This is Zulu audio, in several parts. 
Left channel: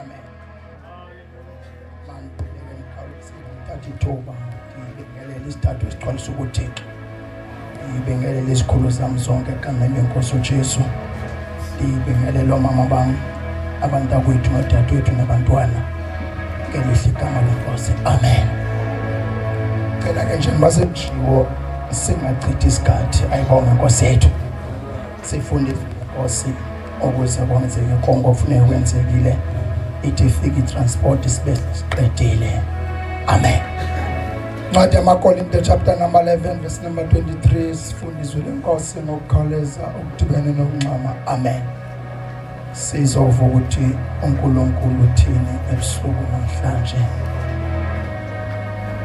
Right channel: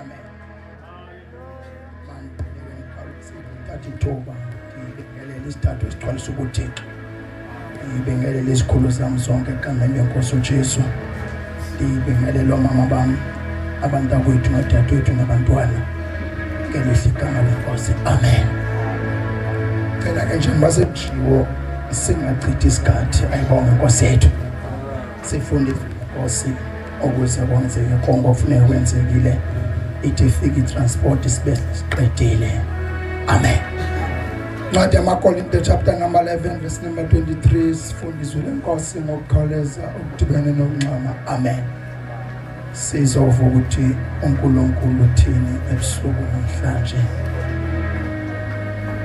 amen. Thatha ithuba ngibingelele isithathu esixwayisa ukuThixo. Ngibingelele isikhulu sami sonke egameni lenkosi uJesu. Ngibingelele omama bami, abantakwethu nodadewethu nabantwana. Ngelihle igama lenkosi. Amen. Cela ke njengoba sekujiwo singachithi isikhathi, ayibonge inkosi yethu. Sifunde inkosi ukuze kwenzeke konke okufanele kwenzekile. Ithi ifike itransport sibe siqedile. Amen. Ncwadi yamaKorinto chapter number 11 verse number 23 sifundiswe lenkosi ngokukhawuleza okudibene nokuncama. Amen. Sizova ukuthi uNkulunkulu uthini ebusuku namhlanje.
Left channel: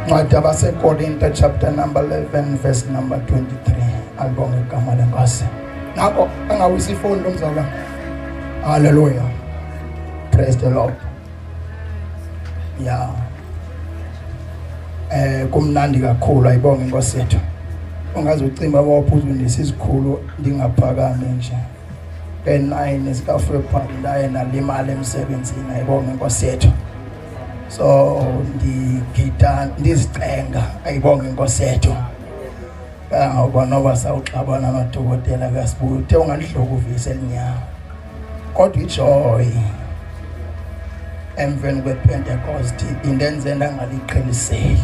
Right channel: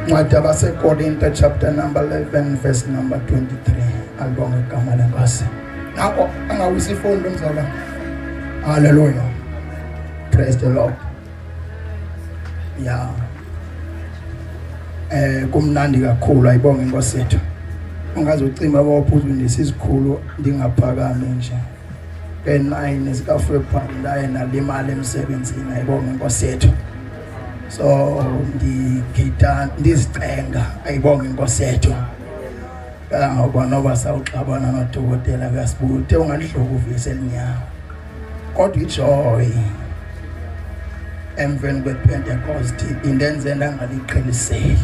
Ncwadi yabaseKorinto chapter number 11 verse number 23. Alibonge igama lenkosi. Nako angawisi ifundo mzala. Hallelujah. Praise the Lord. Yeah. Kumnandi kakhulu ayibonge inkosi yethu. Ungaze ucimba bawuphuzu ndisizikhulu ndingaphakame nje. Ke9 sikafebruary ndaye nalimali emsebenzini ayibonge inkosi yethu. So ndigida ndizicenga ayibonge inkosi yethu. Ngabona basawuxabana amadokotela kuyasibuthe unganihloka uvise elinyama. Kodwa ijoy emveni kwePentecost indenze ndangaliqheliseli.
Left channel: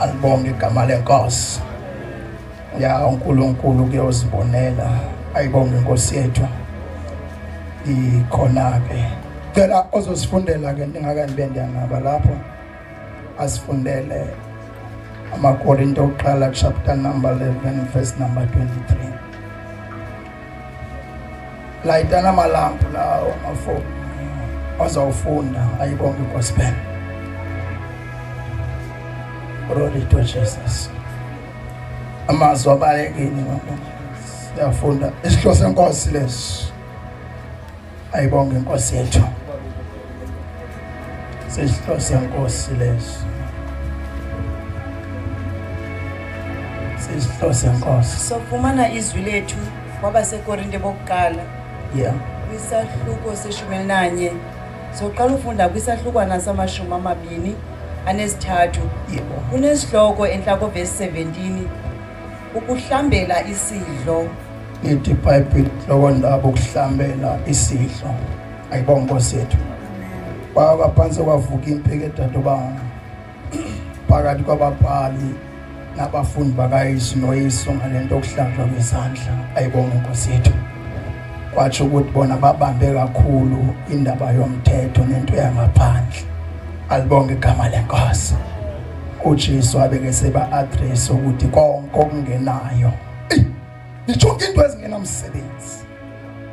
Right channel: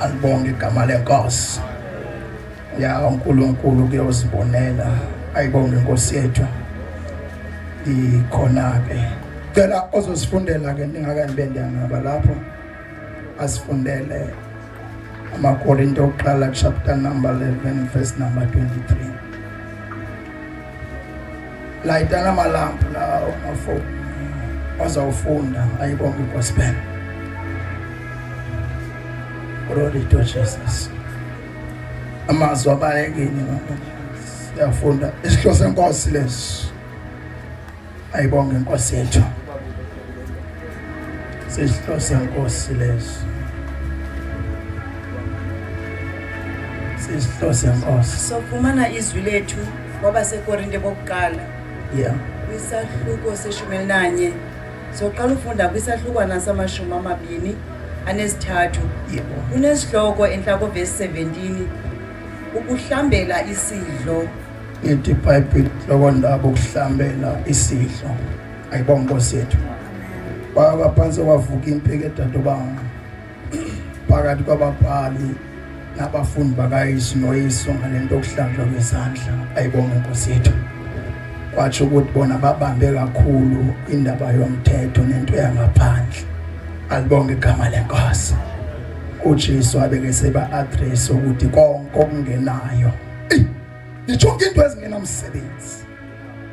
Alibonge igama lenkosi. Ya uNkulunkulu kuyozibonela ayibonge inkosi yethu. Ikhona ke cela ozosifundela ke ndingakanibende ngaba lapho asifundele amaKorinto oqala chapter number 11 verse number 23. Layitana amalampu lawo mafo azawufunda ayibonge gospel. Glory to Jesus. Amazwi abalekeni ngoba siyafunda isihloko senkosi lesi. Ayibonge inkosi yethu. Isihloko senkosi lesi. Isihloko senkosi. Sofumana izwi lethu kwabaseKorinte bokuqala. Yeah. Kwisahluko seshumi nanye. Soqala ufunda kwisahlukwana sama-23. Yebo. Kunesihloko enhlako verse 17. Ukuhlambela isidlo. Ithi iBhayibheli lokwandaba ukuhlambela isidlo. Ayibonge inkosi yethu. Baba phansi kwavuka impeke eDadobanga. Phakathi kwababhali nabafundi bakaYesu ngalento okuhlanjwa kwezandla. Ayibonge inkosi yethu. Kwathi ukuthi bona babambe kakhulu indaba yomthetho nento yangaphandle. Alibonge igama lenkosi. uJesu abeke seba address ukuthi konke okungenayo. Ngijonge into ezingenamsebenzi.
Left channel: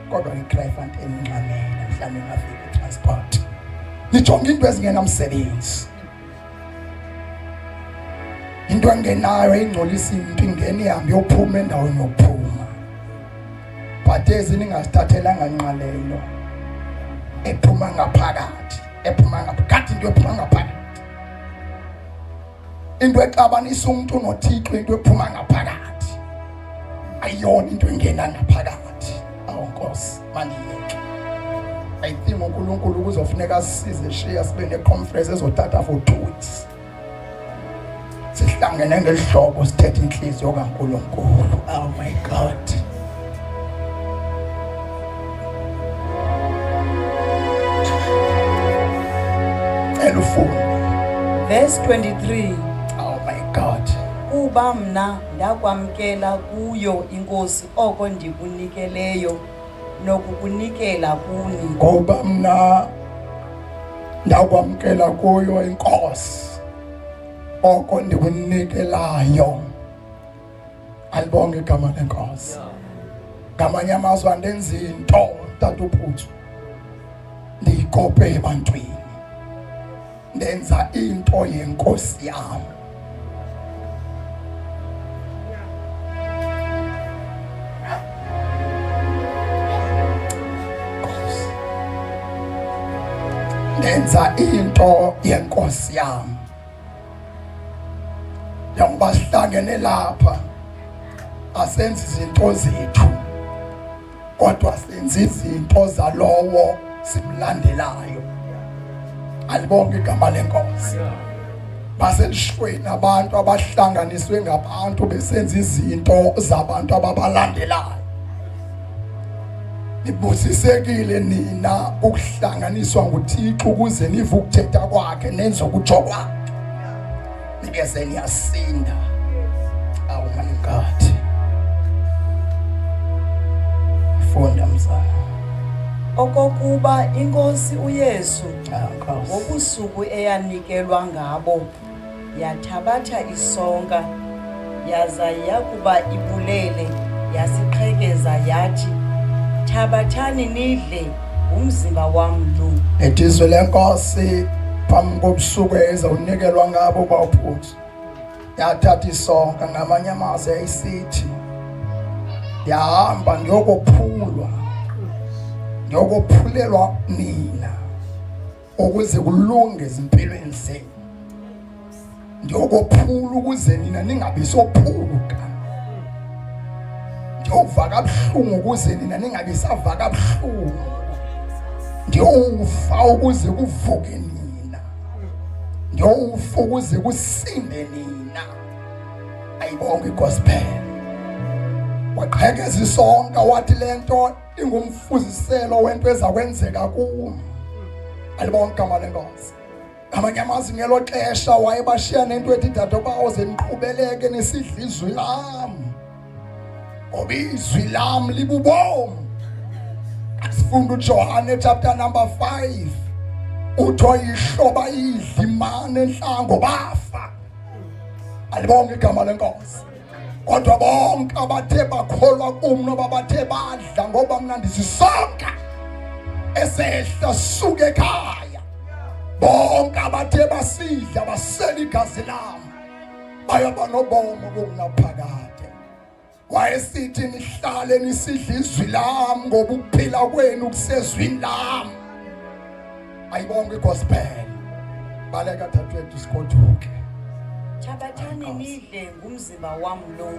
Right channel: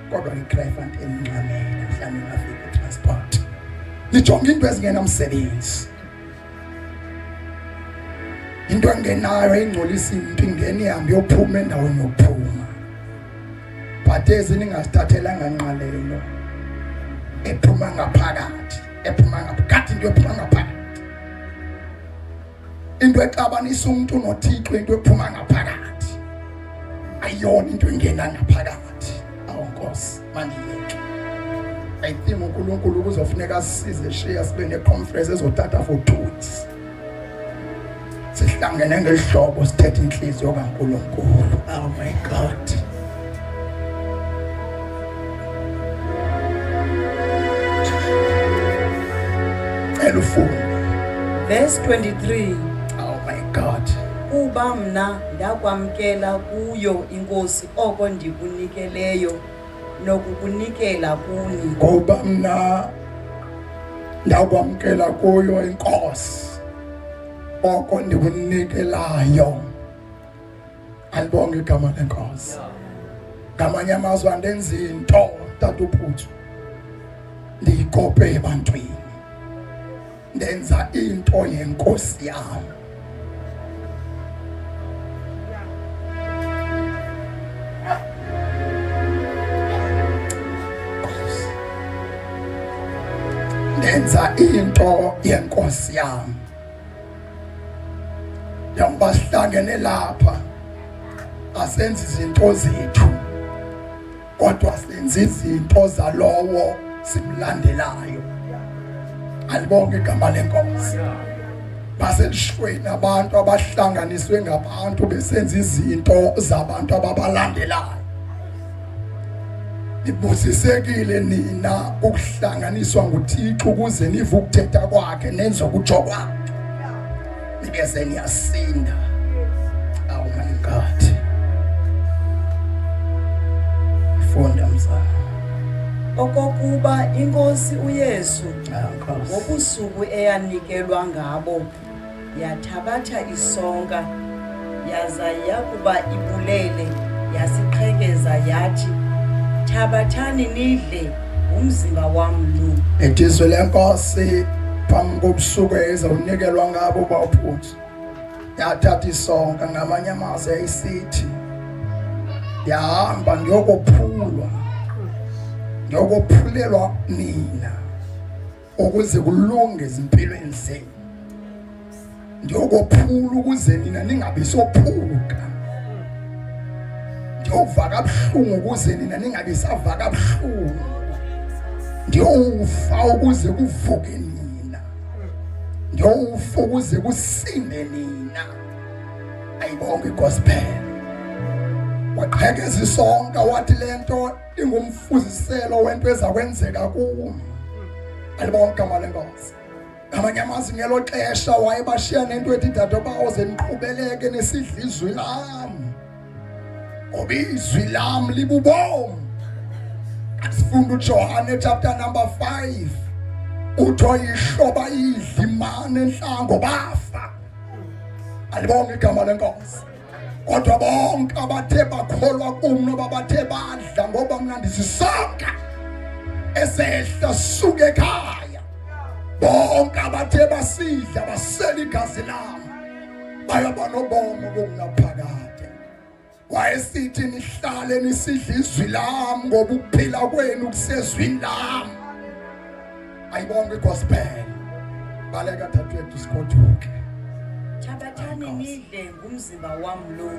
Kodwa ngiChrayfant eninxamela mhlawumbe ngafika transport. Ngijonge into ezingenamsebenzi. Into engenayo ingcolisa into ingene ihambe yophuma endaweni yokuphuma. But eziningasithathelanga nqalelo. Ephuma ngaphakathi, ephuma ngaphakathi into ephuma ngaphakathi. Into exabanisa umuntu noThixo into ephuma ngaphakathi. Ayona into engena ngaphakathi. Awunkosi mandiyeke. I think uNkulunkulu kuzofuneka size share sibe neconference ezothatha for 2 weeks. Sihlangene ngehlobo sithethe inhliziyo kaNkulunkulu. Oh my God. Verse 23. Oh my God. Kuba mna ndakwamkela kuyo inkosi oko ndikunikeleyo nokukunikela kuni. Kuba mna ndakwamkela kuyo inkosi oko ndikunikelayo. Alibonge igama lenkosi. Ngamanye amazwi andenza into Tata uPhuthu ndiyikope ebantwini. Ndenza into yenkosi yami. Ndenza into yenkosi yami. Njengoba sihlangene lapha asenzi izinto zethu kodwa senza izinto zalowo simlandelayo. Alibonke igama lenkosi. Baselishweni abantu abahlanganiswe ngabantu besenza izinto zabantu ababalandelayo. Nibusisekile nina ukuhlanganiswa nguThixo ukuze nive ukuthetha kwakhe nenze ukutsho kwakhe. Nikeze niyasinda. Oh my God. Funda mzana. Okokuba inkosi uYesu ngobusuku eyanikelwa ngabo yathabatha isonka yaza yakuba ibulele yasiqhekeza yathi, thabathani nidle umzimba wami lo. Etizwe lenkosi phambi kobusuku ezawunikelwa ngabo bawuphuthi. Yathatha isonka ngamanye amazwi ayisithi yahamba ngiyokophulwa. Ngiyokophulelwa nina ukuze kulunge izimpilweni zenu. Ngiyokophula ukuze nina ningabi sophuluka. Ngiyova kabuhlungu ukuze nina ningabi sava kabuhlungu. Ngiyofa ukuze kuvuke nina. Ngiyofa ukuze kusinde nina. Ayibonke gospel. Waqhekeza isonka wathi lento ingumfuziselo wento ezakwenzeka kuwo. Alibonke igama lenkosi. Ngamanye amazwi ngelo xesha wayebashiya nento ethi dadobawo zeniqhubeleke nesidla izwi lami. Ngoba izwi lami libubomu. Asifunda uJohane chapter number 5. Utho ihloba idla imane enhlango bafa. Alibonke igama lenkosi. Kodwa bonke abathe bakholwa kumno babathe badla ngoba mnandisi sonke esehla suke ekhaya. Bonke abathe basidla basela igazi lami bayaba nobomo bokunaphakade. Wayesithi nihlale nisidla izwi lami ngoba ukuphila kwenu kusezwini lami. Ayibonke gospel. Baleka thathwe isikothuke. Thabathani nidle ngumzimba wami lo.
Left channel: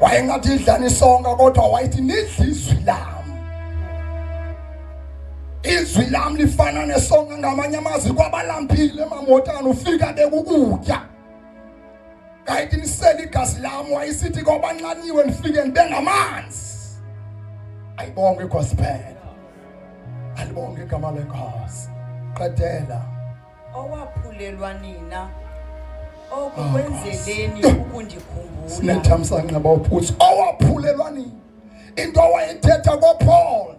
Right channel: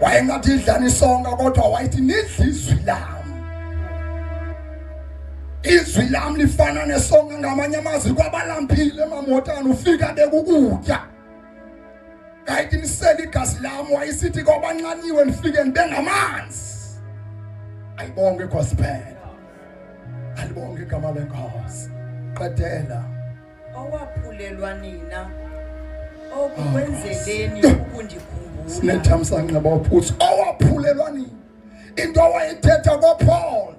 Wayengathi idlani isonka kodwa wayithi nidle izwi lami. Izwi lami lifana nesonka ngamanye amazwi kwabalampile emamotana ufika bekukutya. Kayithi nisela igazi lami wayisithi kwabanqaniwe nifike nibe ngamanzi. Ayibonke gospel. Alibonke igama lenkosi. Qedela. Owaphulelwa nina okwenzeleni ukundikhumbula. Sinethamsanqa bawuphuthi owaphulelwa nini. Into wayethetha koPaul.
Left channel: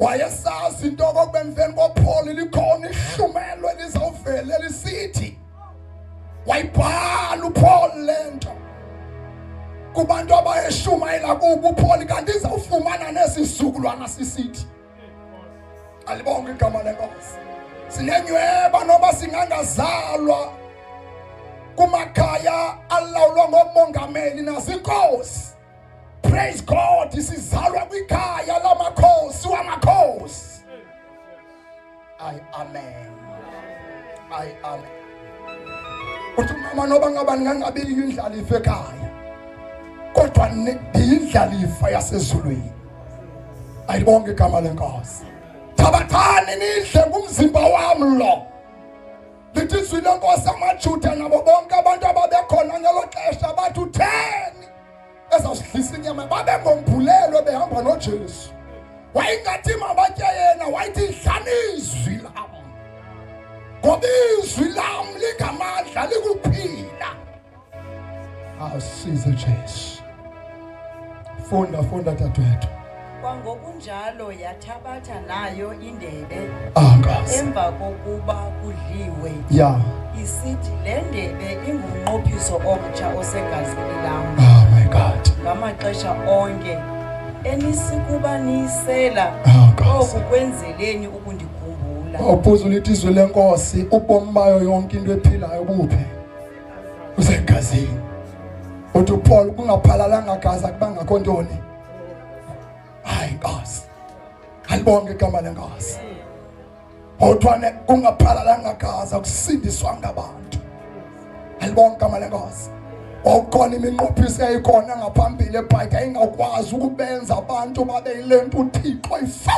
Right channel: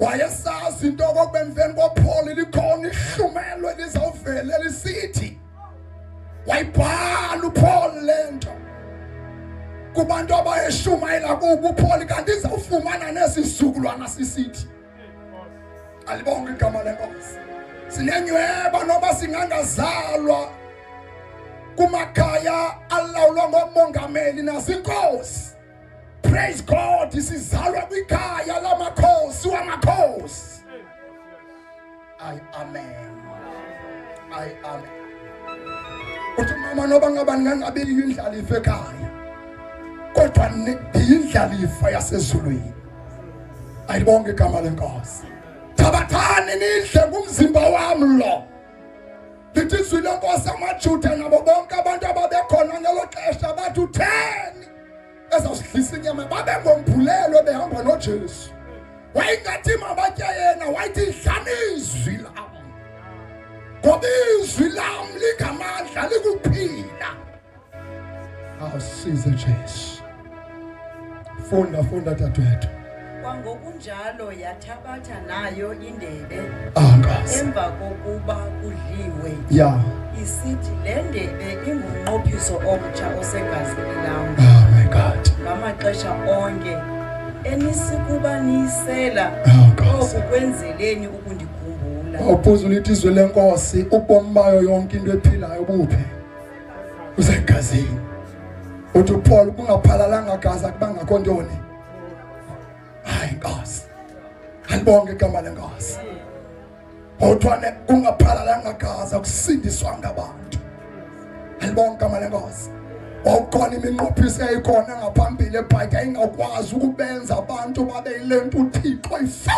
Wayesazi into kokubemveni koPaul likhona ihlumelo lizawuvela lisithi. Wayibhala uPaul lento. Kubantu abayeshumayela kubo uPaul kanti izawufumana nesisizukulwana sisithi. Alibonke igama lenkosi. Sinenyweba noba singangazalwa kumakhaya alawulwa ngomongameli nazinkosi. Praise God, isizalwa kwikhaya lamakhosi wamakhosi. Amen. Amen. Uthi mama noba ngabani ngangabili indlalifa ekhaya. Kodwa indlalifa yasezulwini. Ayibonke igama lenkosi. Thabathani nidle ngumzimba wami lo. Lithi izwi lenkosi amaJuda nabo bonke abantu ababekhona ngelo xesha bathi utheni ezawusidlisa inyama babengomphulelo behamba noJesu. Wayingathi mabatye yena wayithi dlani izwi lami. Ngoba izwi lami ligamandla likuphila. Asize Jesu. Funda dadewethu. Kwangokunjalo yathabatha nayo indebe Angazi. emva kokuba kudliwe. Yeah. Isithi le ndebe ingumnqophiso omtsha osegazini lami. Oh my God. Ngamaxesha onke enisikuba niyisela oku kwenzeleni ukundikhumbula. Awuphuza ulithi izwi lenkosi ubomi bayo yonke into ephilayo buphe. Usegazini. Uthi uPaul kungaphalalanga gazi akuba ngakho ntoni. Hayi Nkosi. Alibonke igama lenkosi. Kodwa kungaphalalanga gazi akusindiswa ngabantu. Alibonke igama lenkosi. Wakhona iminqophiso eyayikhona ngaphambili ebhayibheli ingakwazi ukubenza abantu babe yilento uThixo ayifuna.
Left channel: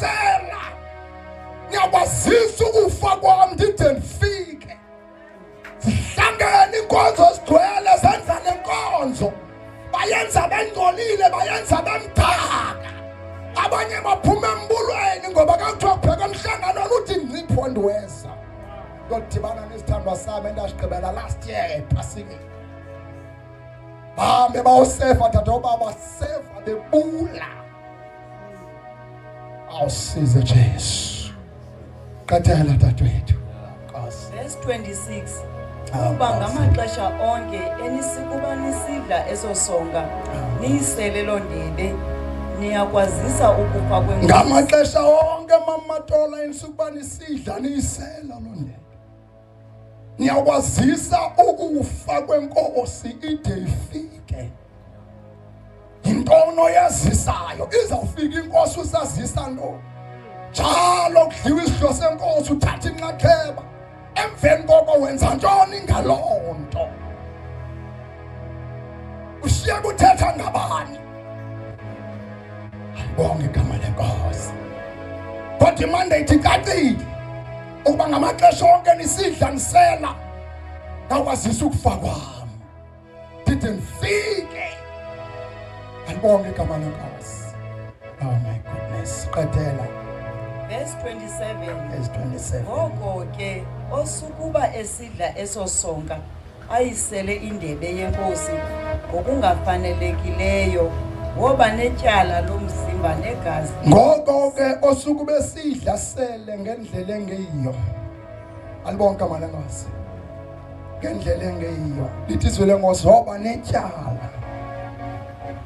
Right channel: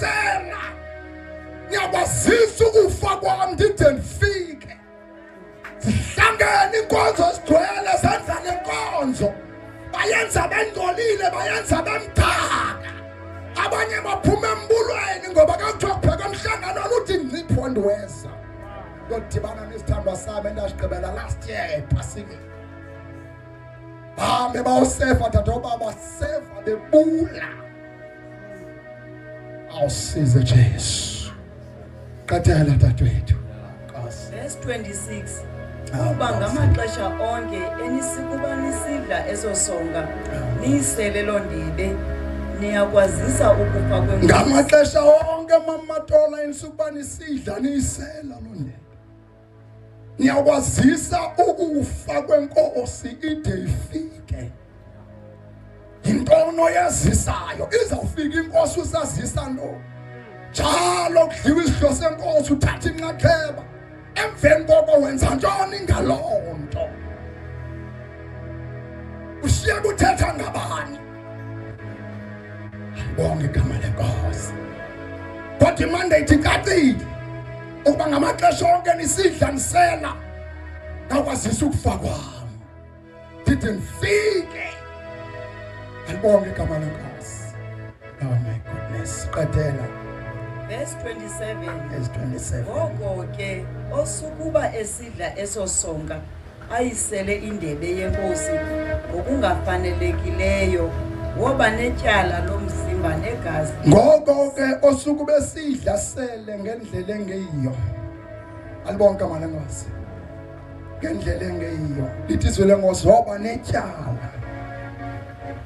sela ngiyakwazisa ukufa kwami ndide ndifike sihlangene inkonzo sigcwele senza lenkonzo bayenza bengcolile bayenza bemdaka abanye baphuma embulweni ngoba kakuthiwa kubheka emhlanganweni uthi ngcipho ndiweza yodibana nesithandwa sami endashigqibela last year ephasini bahambe bawusefa tata ubaba sefa bebula awusize Jesu qethela dadewethu verse 26 kuba ngamaxesha onke enisikuba nisidla esosonga niyisele lo ndebe niyakwazisa ukufa kwenkosi ngamaxesha onke mamatola enisukuba nisidla niyisela lo ndebe niyakwazisa ukufa kwenkosi ide ifike intono yazisayo izawufika inkosi usazisa lo njalo kudliwa isidlo senkosi uthatha inxaxheba emveni koko wenza ntoni ngaloo nto ushiya kuthetha ngabani ayibonge igama lenkosi kodwa imandate icacile ukuba ngamaxesha onke nisidla nisela nakwazisa ukufa kwami ndide ndifike ayibonge igama lenkosi oh my goodness qedela verse 27 verse 27 ngoko ke osukuba esidla esosonga ayisele indebe yenkosi ngokungafanelekileyo woba netyala lomzimba negazi ngoko ke osuku besidla sele ngendlela engeyiyo alibonke igama lenkosi ngendlela engeyiyo lithi izwi lenkosi woba netyala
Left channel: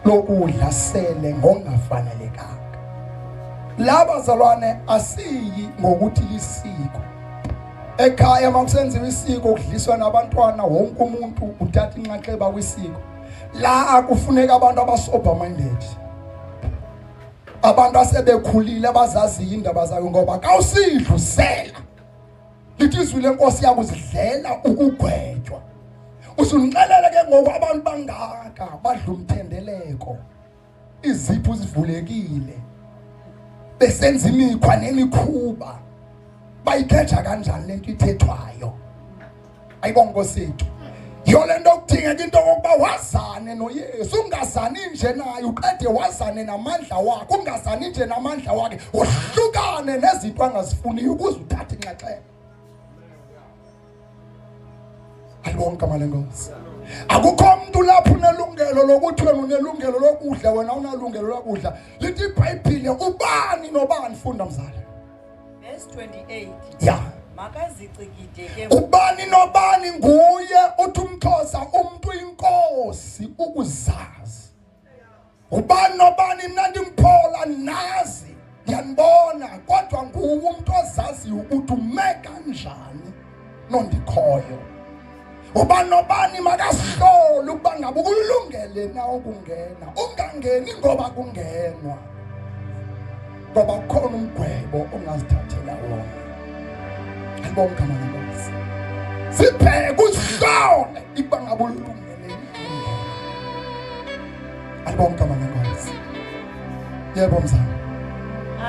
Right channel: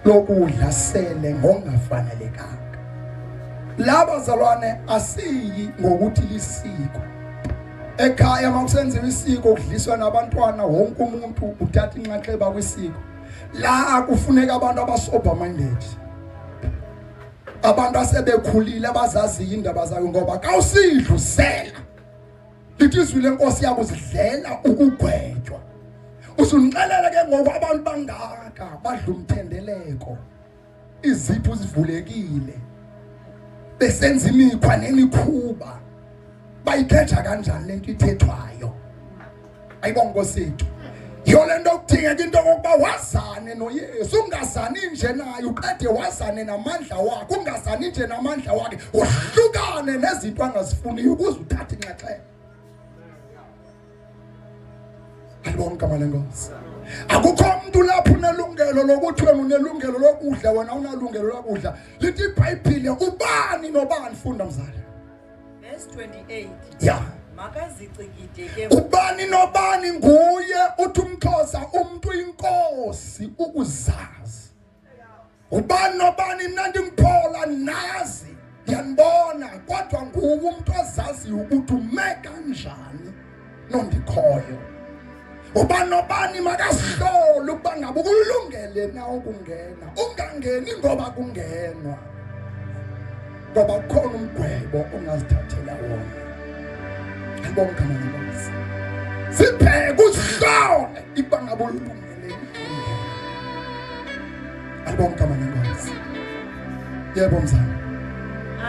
lokudla sele ngongafanelekanga laba zalwane asiyi ngokuthi lisiko ekhaya makusenziwa isiko kudliswa nabantwana wonke umuntu uthatha inxaxheba kwisiko la kufuneka abantu abasober minded abantu asebekhulile abazaziyo indaba zayo ngoba kawusidlusela lithi izwi lenkosi yakuzidlela ukugwetywa usunixelela ke ngoku abantu bangaka badla umthendeleko izipho zivulekile besenza imikhwa nemikhuba bayikhetha kanjani lento ithethwayo ayibonge Nkosi yethu yiyo lento okudingeka into yokuba wazane noYesu ungazani nje naye uqede wazane namandla wakhe ungazani nje namandla wakhe uhlukane nezinto angazifuniyo ukuze uthathe inxaxheba ayibonge igama lenkosi akukho umuntu lapho unelungelo lokuthi wena unelungelo lokudla wena unalungelo lokudla lithi iBhayibheli ubani nobani funda mzala verse 28 yeah makazicikide ke ubani nobani nguye uthi umXhosa umuntu inkosi ukuzazi ubani nobani nandi ngiphola nazi ngiyanibona kodwa nguwe umuntu ozazi ukuthi ume kanjani nondikhoyo ubani nobani makasihlole ukuba ngabe ukulungele na ukungena ungangeni ngoba kungenwa ngoba khona umgwebo ongazithathela wona ayibonge igama lenkosi sibheke usihlole ukuba ngabe ulungele ayibonge igama lenkosi yebo mzala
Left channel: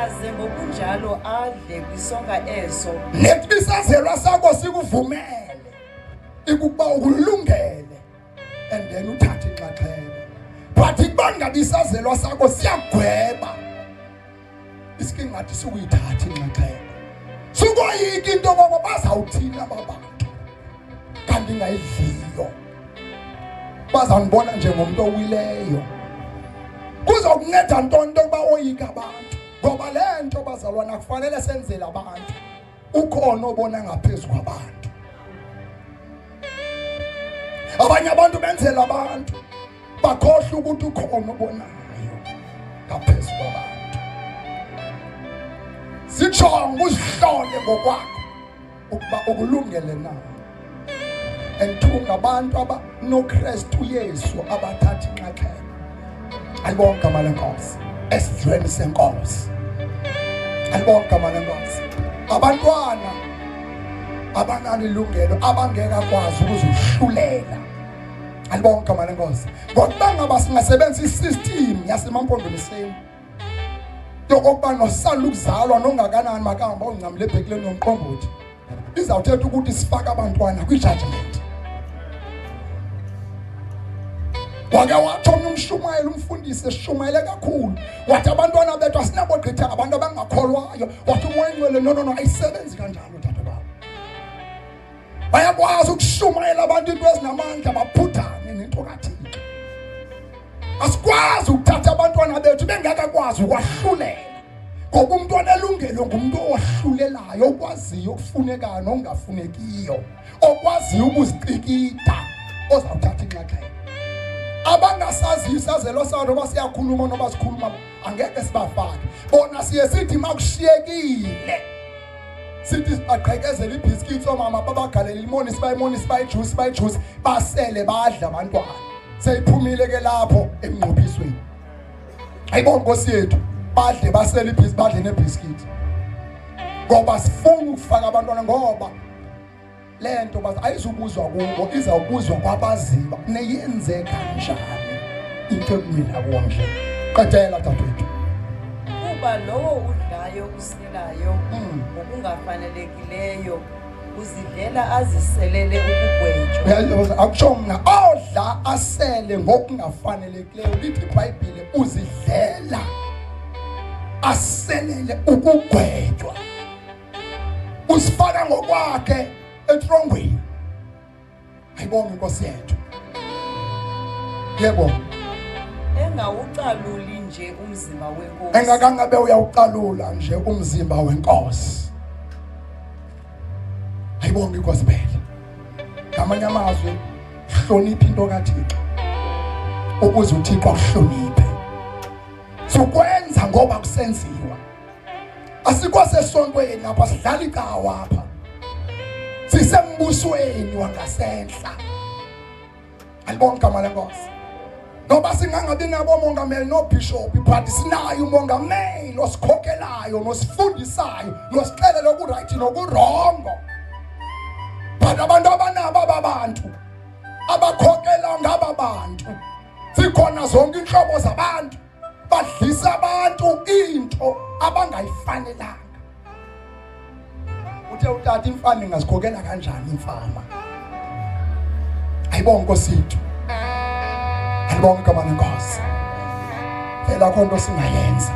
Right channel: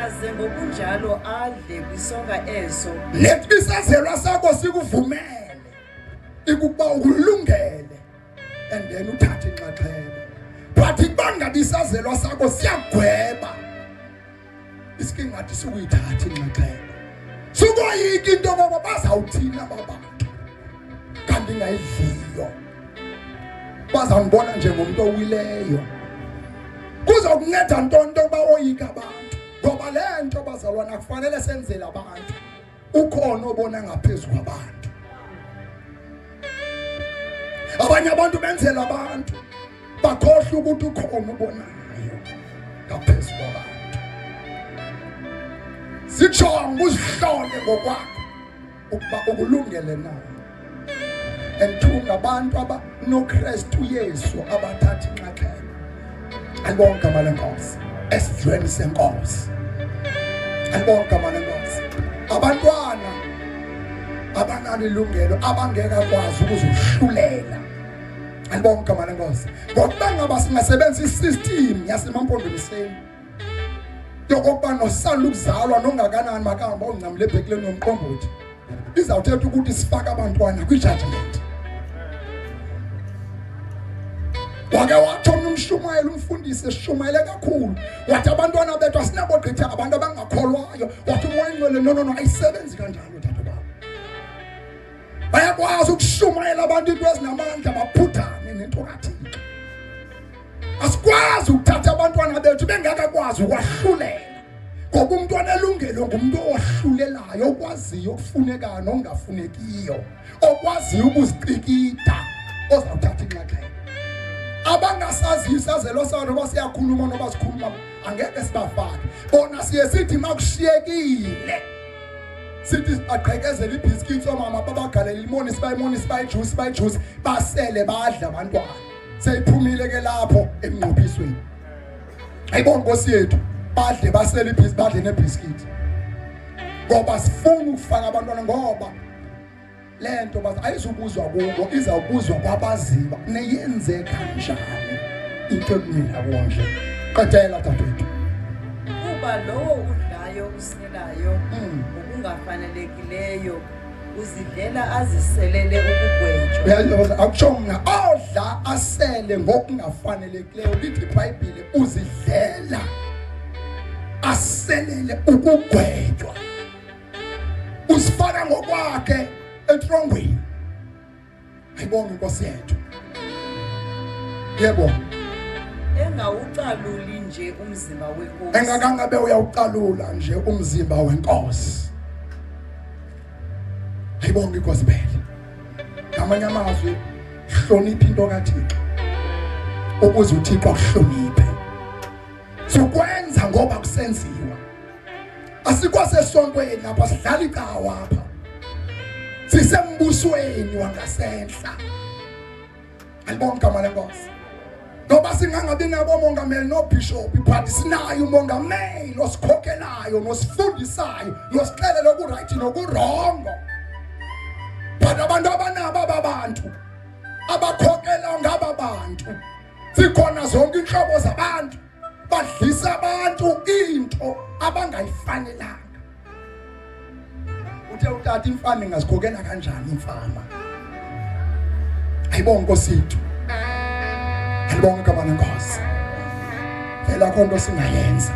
aze ngokunjalo adle kwisonka eso lethi isazelwa sakho sikuvumele ukuba ukulungele and then uthathe inxaxheba but ibangabe isazelwa sakho siyagweba isingathi sukuyithatha inxaxheba sukoyika into ngoba bazawuthina abantu kanti ngayidliyo bazangibona njengomuntu owileyo kuzokunceda ntonto ukuba oyika abantu ngoba lento bazalwana kufanele senzele abantu ukhona obona ngaphezulu kwabantu abanye abantu benzela abantu bakhohle ukuthi ukhona obonayo ngaphezulu kwabantu sijonge uzihlole ngokwakho ukuba ukulungele na enthunga abantu abanoKristu Yesu abathatha inxaxheba ayibonge igama lenkosi esidlweni senkosi ayibonge igama lenkosi abantwana abanalo ilungelo abangeka kwazi ukuzihlulela ayibonge igama lenkosi ngokuba ngaba singasebenzisa isystem yasemampondomiseni yokokuba nosanda ukuzalwa nongakanani makahamba ongcamle ebhekleni yomqombothi izawuthetha ukuthi sifaka abantwana kwi-judgment. Wake wathi umshumayeli umfundisi eshumayele kakhulu wathi abantwana bethu asinabogqitha abantu abangakholwayo. Wathi umoya ingcwele no ayisebenzi kanjalo tata baba. Bayakwazi ukushumayela abantu into ezinamandla baphuthane nento kaThixo. Asikwazi ukuthatha abantwana bethu bengakakwazi ukwahlulela. Ngoba umntwana elungelo ngumuntu owahlulelayo, okwaziyo ukufunekayo nokungafunekiyo, okwaziyo ukuzicikida, ozawuthatha inxaxheba. Abangasaziyo isazelo sabo noba siyakhuluma noba sikhuluma angeke sibafake. Bona siye sithi makushiyekile sithi baqhekezela ibhiskithi omama babagalela limoni sibayijuice basele badla abantwana. Seyiphumile ke lapho emnqophisweni. Ayibona Nkosi yethu badle basele ibhiskithi badle nebhiskithi. Ngoba sifuna ukufaka abantwana ngoba lento bathi ayizubuzwa kubo izawubuzwa kwabaziba neyenze kanjani into ekumila konje. Qedela dadewethu. Kuba lowo udlayo usilayo ngokungafanelekileyo uzidlela aziselele ukugwetshwa. Akutsho mna odla asele ngokungafanelekileyo lithi iBhayibhile uzidlela aselele ukugwetshwa. Usifaka ngokwakhe etrongweni. Ayibonge Nkosi yethu. Yebo. Engawucaluli nje umzimba wenkosi. Engakangabe uyawucalula nje umzimba wenkosi. Ayibonge Nkosi phela. Ngamanye amazwi hlonipha into kaThixo. Ukuze uThixo akuhloniphe. Sokwenza ngoba kusenziwa. Asikwasesontweni lapha sidlala ikawa apha. Sisembusweni wangasehla. Ayibonge igama lenkosi. Ngoba singangabi nabo mongameli nobishop but sinayo umongameli osikhokhelayo nosifundisayo nosixelela okuright nokurongo. But abantu abanabo ababantu abakhokhela ngaba bantu sikhona zonke inhlobo zabantu badlisa abantu into abangayifanelanga. Uthe utata imfama ingazikhokhela kanjani imfama? Ayibonge Nkosi yethu. Ayibonge igama lenkosi. Phela konke singayenza.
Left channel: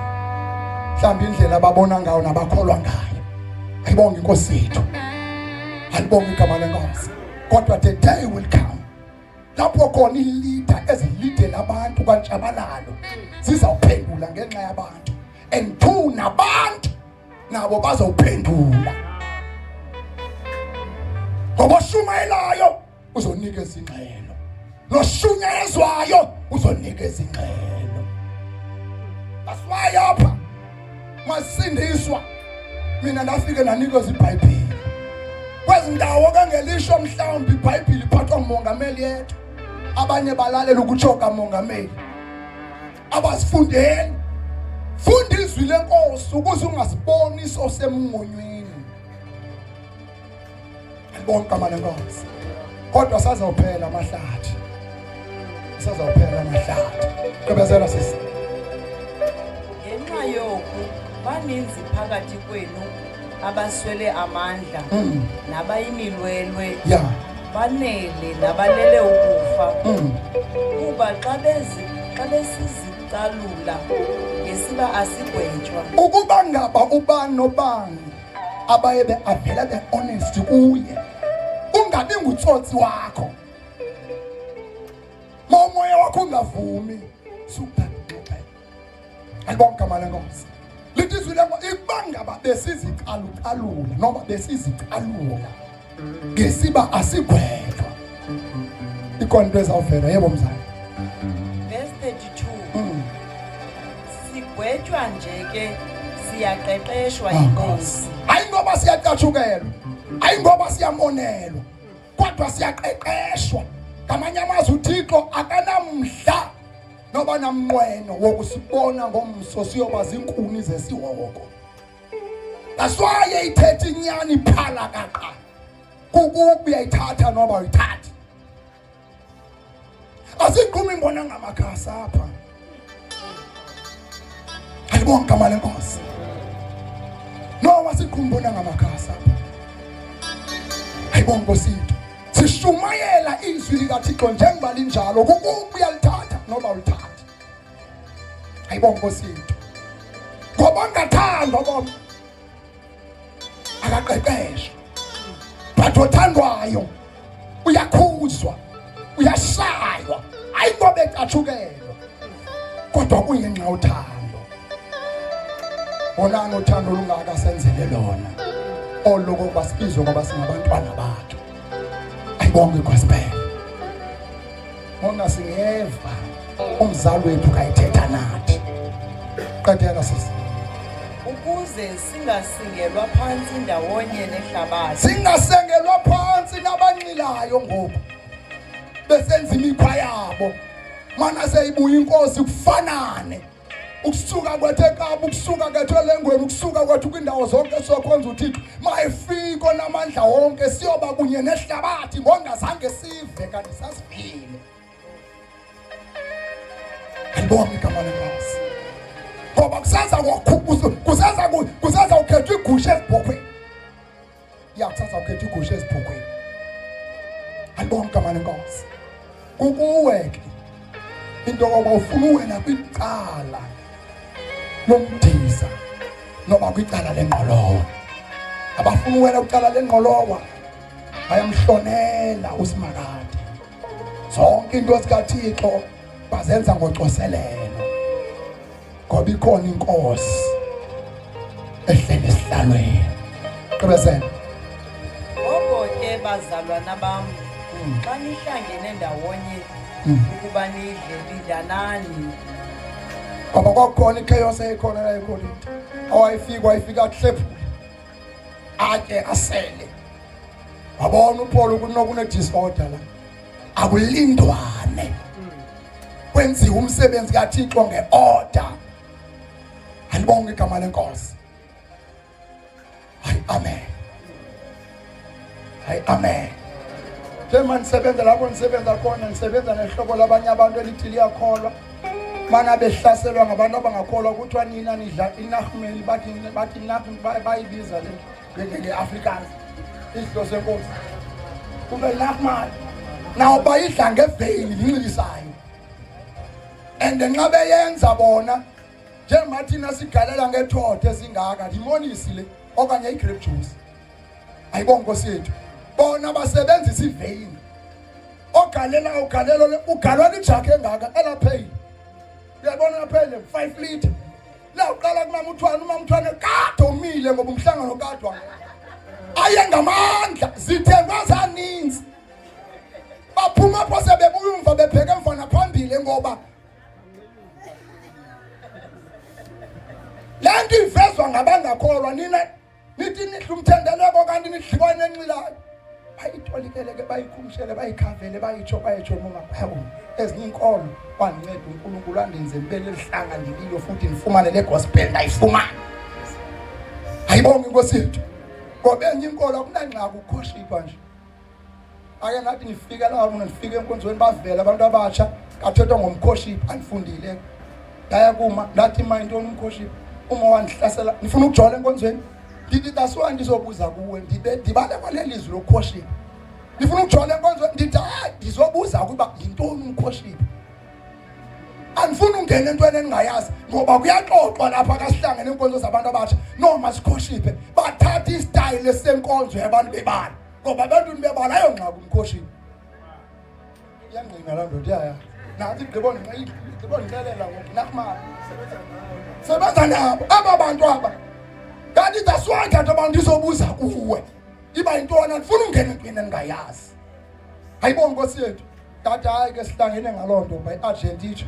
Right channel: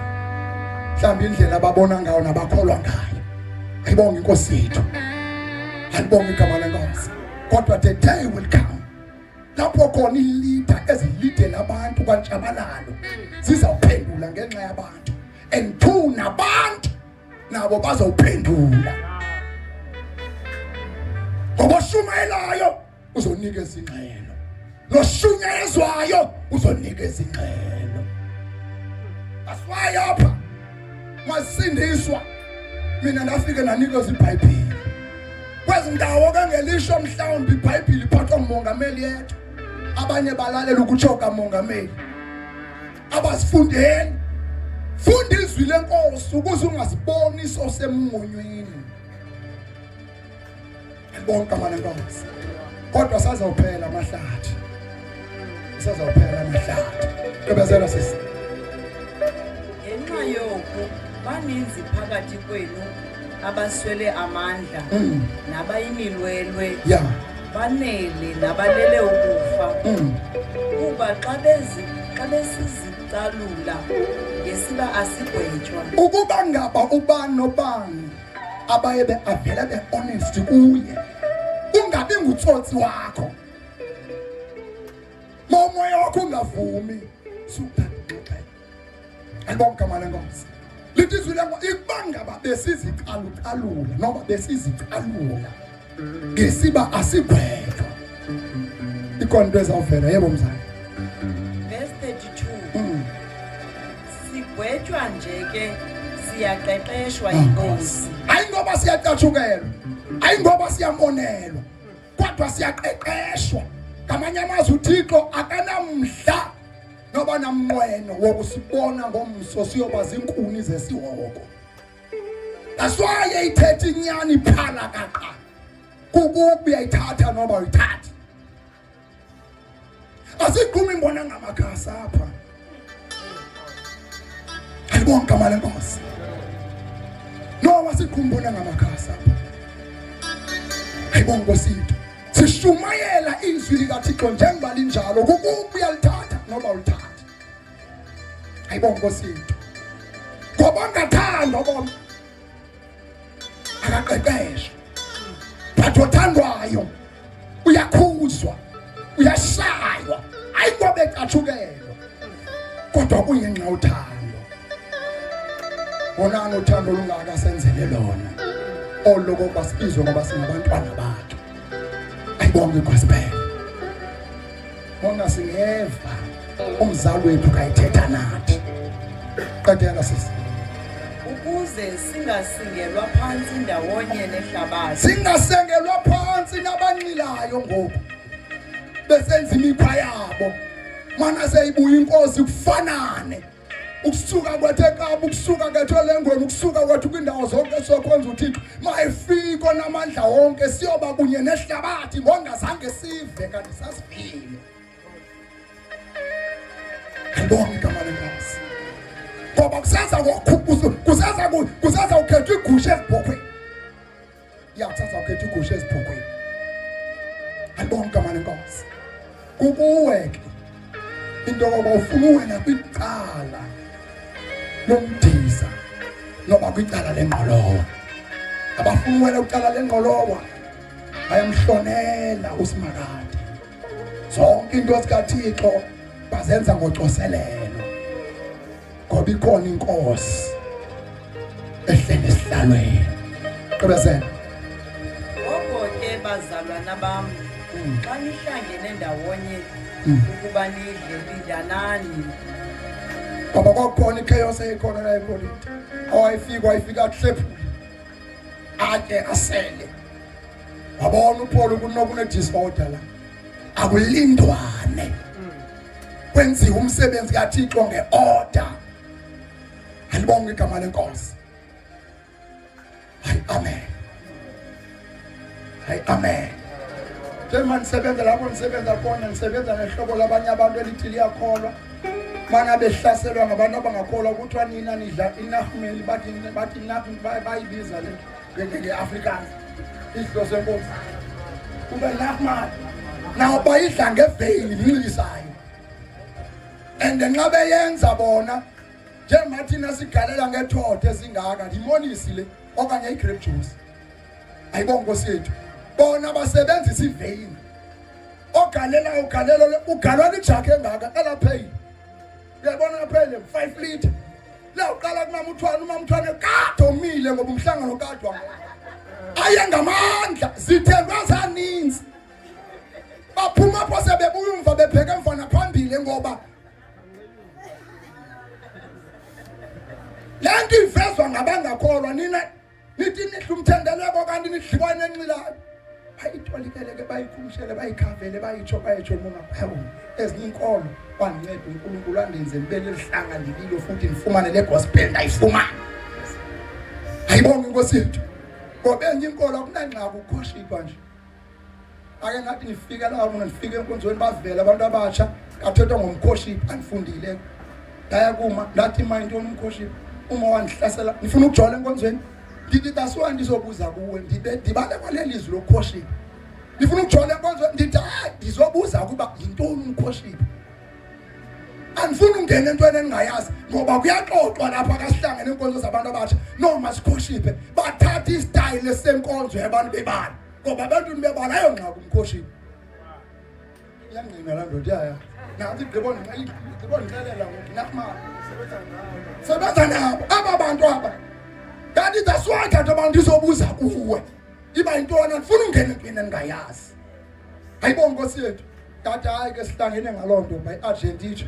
Mhlawumbe indlela ababona ngayo nabakholwa ngayo. Ayibonge Inkosi yethu. Ayibonge igama lenkosi. Kodwa the day will come lapho khona ilida ezilidela abantu kantshabalalo zizawuphendula ngenxa yabantu. And two nabantu nabo bazawuphendula. Ngoba shumayelayo uzonikeza ingxelo. Noshunyezwayo uzonikeza ingxelo. Aswaye apha masindiswa mina nafike nanikeza iBhayibheli. Kwezi ndawo kangelisho mhlawumbe iBhayibheli iphathwa umongameli yethu. Abanye balalela ukuchoka umongameli. Abasifundeni. Funda izwi lenkosi ukuze ungasiboni sosemngonyweni. Ayibonge igama lenkosi. Kodwa sazawuphela amahlathi. Sazawuphela amahlathi. Ebezela sisi. Ngenxa yoku baninzi phakathi kwenu abaswele amandla nabayimilwelwe. Yeah. Banele nabalele ukufa. Kuba xa besizicalula ngesiba asigwetshwa. Ukuba ngaba ubani nobani abaye beavela be-honest kuye. Ungabi ngutsotsi wakho. Momoya wakho ungavumi. Suphathe. Ayibonge igama lenkosi. Lithi izwi lenkosi ibangaba besizicalula noma besizicalula ngesiba asigwetshwa. Ikonto ezawuvela yebo mzali. Verse 32. Sigwetshwa nje ke siyaqeqeshwa inkosi. Hayi ngoba siyacatshukelwa. Hayi ngoba siyamonelwa. Kodwa siyaqeqeshwa. Ngamanye amazwi uThixo akanamdla noba namnqweno wokusibona ngomso siyoba zinkuni zesiwoko. That's why ithethe inyani phala kaqa. Kukubi uyayithatha noba uyithatha. Asiqhumi imbona ngamakhasi apha. Ayibonga igama lenkosi. Noma sikhumbula ngamakhasa. Ayibonga Nkosi yethu. Sishumayela izwi likaThixo njengoba linjalo kukuba uyalithatha noba ulithatha. Ayibonga Nkosi yethu. Ngoba ungathandwa bona akaqeqeshwa. Batho othandwayo uyakhuzwa, uyashaywa, ayikobe catshukelwa. Kodwa kuyinxa uthando. Bonani uthando lungaka senzele lona. Oloko basibizwe ngoba singabantwana bakhe. Ayibonge igospel. Bona singeva umzali wethu kayithetha nathi. Qedela sisi. Ukuze singasingelwa phansi ndawonye nehlabathi. Singasengelwa phansi nabanxilayo ngoku. Besenza imikhwa yabo. Mana seyibuya inkosi kufanane. Ukusuka kwethu eKapa, ukusuka kwethu eLengweni, ukusuka kwethu kwindawo zonke sokhonza uThixo. Mayifiko namandla wonke siyoba kunye nehlabathi ngongazange sive kanti sasivile. Ayibonge igama lenkosi. Ngoba kusaza ukhetha igusha ezibhokhweni. Kusaza ukhetha igusha ezibhokhweni. Ayibonge igama lenkosi. Kukuwe ke into yokuba ufuna wena kwicala lomdiza noma kwicala lengqolowa. Abafuna wena kwicala lengqolowa bayamhlonela uSimakade. Zonke into zikaThixo bazenza ngocoselelo. Ngoba ikhona inkosi ehlele esihlalweni. Qhubezela. Ngoko ke bazalwana bam, xa nihlangene ndawonye ukuba nidle lindanani. Ngoba kwakukhona ichaos eyikhona la eKolinthe. Wayefika kuhlephula. Ake asele. Wabona uPaul kunokune disorder la. Akulindwane. Kwenziwa umsebenzi kaThixo ngeorder. Ayibonge igama lenkosi. Amen. Amen. Njengoba nisebenza lapho nisebenza khona, nisebenza nehlobo labanye abantu elithi liyakholwa. Mana behlaselwa ngabantu abangakholwa kuthiwa nina nidla inahumeli bathi nathi bayibiza le nge-Afrikaans. Isidlo senkosi. Kube nahumeli. Naw bayidla ngeveyili inxilisayo. And nxa beyenza bona njengoba thina sigalela ngethotho ezingaka limonisi le okanye igrape juice. Ayibonge Nkosi yethu. Bona basebenzisa iveyili. Ugalelo ugalwa ijake engaka elapheyili. Uyabona ngaphele 5 liter. La uqala kumama uMthwane kade omile ngoba umhlangano kadwa. Aye ngamandla zithemba zaninzi. Baphuma pho sebebuya umva bepheke emfana phambili ngoba lento ivezwa ngabangakholwa nina nithi nidla umthendeleko kanti nidliwane enxilayo. Bayitholikele ke bayikhumshele bayikhavele bayitsho noma hawu ezinye inkolo bangincede uNkulunkulu andenze ngibe lelihlanga lililo futhi ngifumane le gospel ngayifumana. Ayibonge Nkosi yethu. Ngoba enye inkolo akunangxaki ukukhoshipha nje. Ake ngathi ngifika la ngifike enkonzweni bavela abantu abatsha kathethwa ngomkhoshipha anifundile. Daya kuma ngathi manje umkhoshipha uma wandihlasela ngifuna ukujola enkonzweni. Ndithi taswa ndizobuza kuwe ndibale kwalelizwi lokukhoshipa. Ngifuna ukujola enkonzweni ndithi ndizobuza kuba yintoni umkhoshipha. Andifuna ungena entweni engingayazi ngoba kuyaxoxwa lapha kasihlangene enkonzo zabantu abatsha noma sikhoshipe bathatha istyle senkonzo yabantu bebala ngoba abantu bebala ayongxaka umkhoshipha. Iyangqina la ndoda yaya. Nathi ngibona ngixelela ngoku nakumali. Sebenza nabo aba bantu aba. Kanti daswatha abantu izobuza kuwe. Iba intwana ngifuna ungena entweni engingayazi. Ayibonge Nkosi yethu. Tata hayi ke sihlangene ngalonto by Argentina.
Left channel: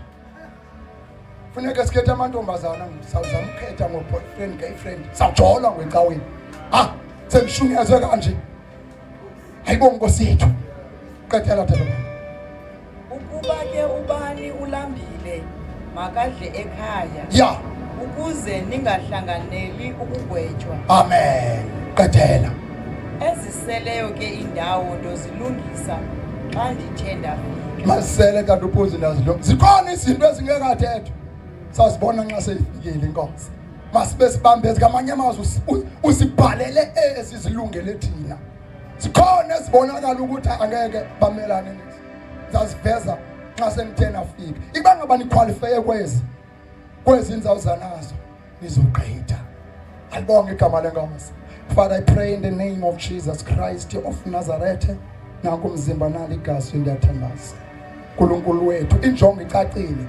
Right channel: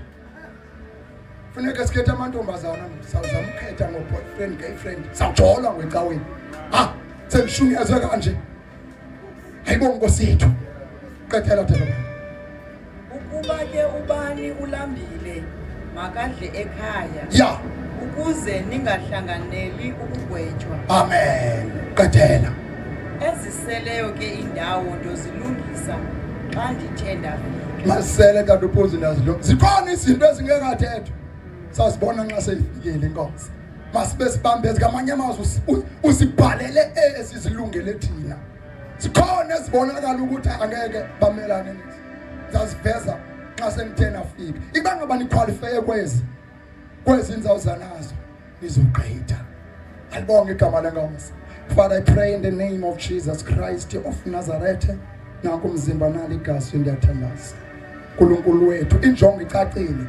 Funeka sikhethe amantombazana sawuzamkhetha ngoboyfriend girlfriend. Sajola ngwencaweni. Sengishunyaze kanje. Ayibonge Nkosi yethu. Qethela Tata. Ukuba ke ubani ulambile makadle ekhaya. Ya. Ukuze ningahlanganeli ukugwetshwa. Amen. Qethela. Eziseleyo ke indawo ndozilungisa xa ndithe ndafika. Masele kanti uphozi nazo. Zikhona izinto ezingekathethwa. sasibona nxa seyifikile inkosi masibe sibambeze kamanye amazwi usibhalele ezizilungele thina sikhona sibonakala ukuthi angeke bamelane nethi sasiveza nxa sengithena afika iba ngaba niqualify kwezi inzawo zanazo nizogqitha alibonge igama lenkosi. Father, I pray in the name of Jesus Christ of Nazareth. Nanku umzimba nali igazi ndiyathandaza uNkulunkulu wethu injongo icacile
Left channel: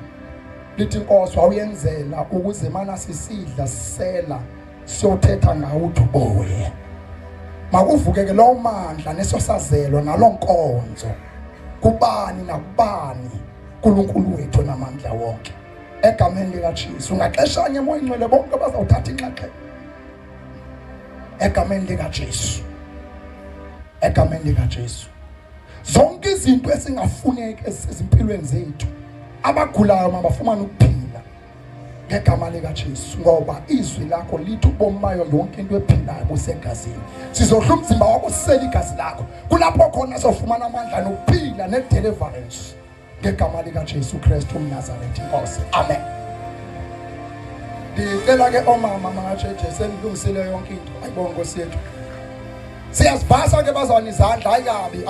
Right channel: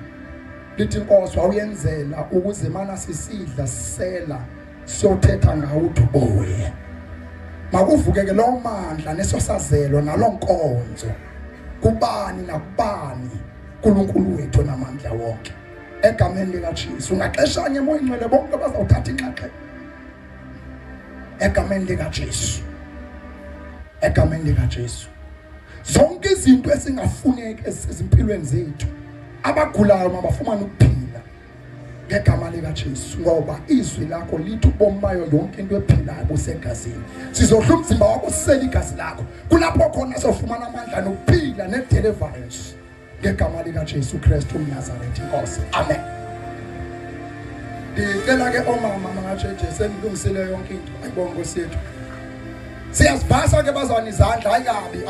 lithi inkosi wawuyenzela ukuze mana sisidla sisela siyothetha ngawo uthi oye makuvukeke lo mandla nesosazelo nalonkonzo kubani nakubani uNkulunkulu wethu namandla wonke egameni likaJesu. Ungaxeshanye emoyeni ngcwele bonke bazawuthatha inxaxheba egameni likaJesu, egameni likaJesu. Zonke izinto esingafuneki ezimpilweni zethu abagulayo mabafumana ukuphila ngegama likaJesu ngoba izwi lakho lithi ubomi bayo yonke into ephilayo busegazini. Sizodla umzimba wakho sisele igazi lakho kulapho khona sofumana amandla nokuphila ne-deliverance ngegama likaJesu Kristu uMnazaretha inkosi. Amen. Ndicela ke omama mangatsheje senilungisele yonke into ayibonke Nkosi yethu. Siyazivasa ke bazwana izandla ayikabi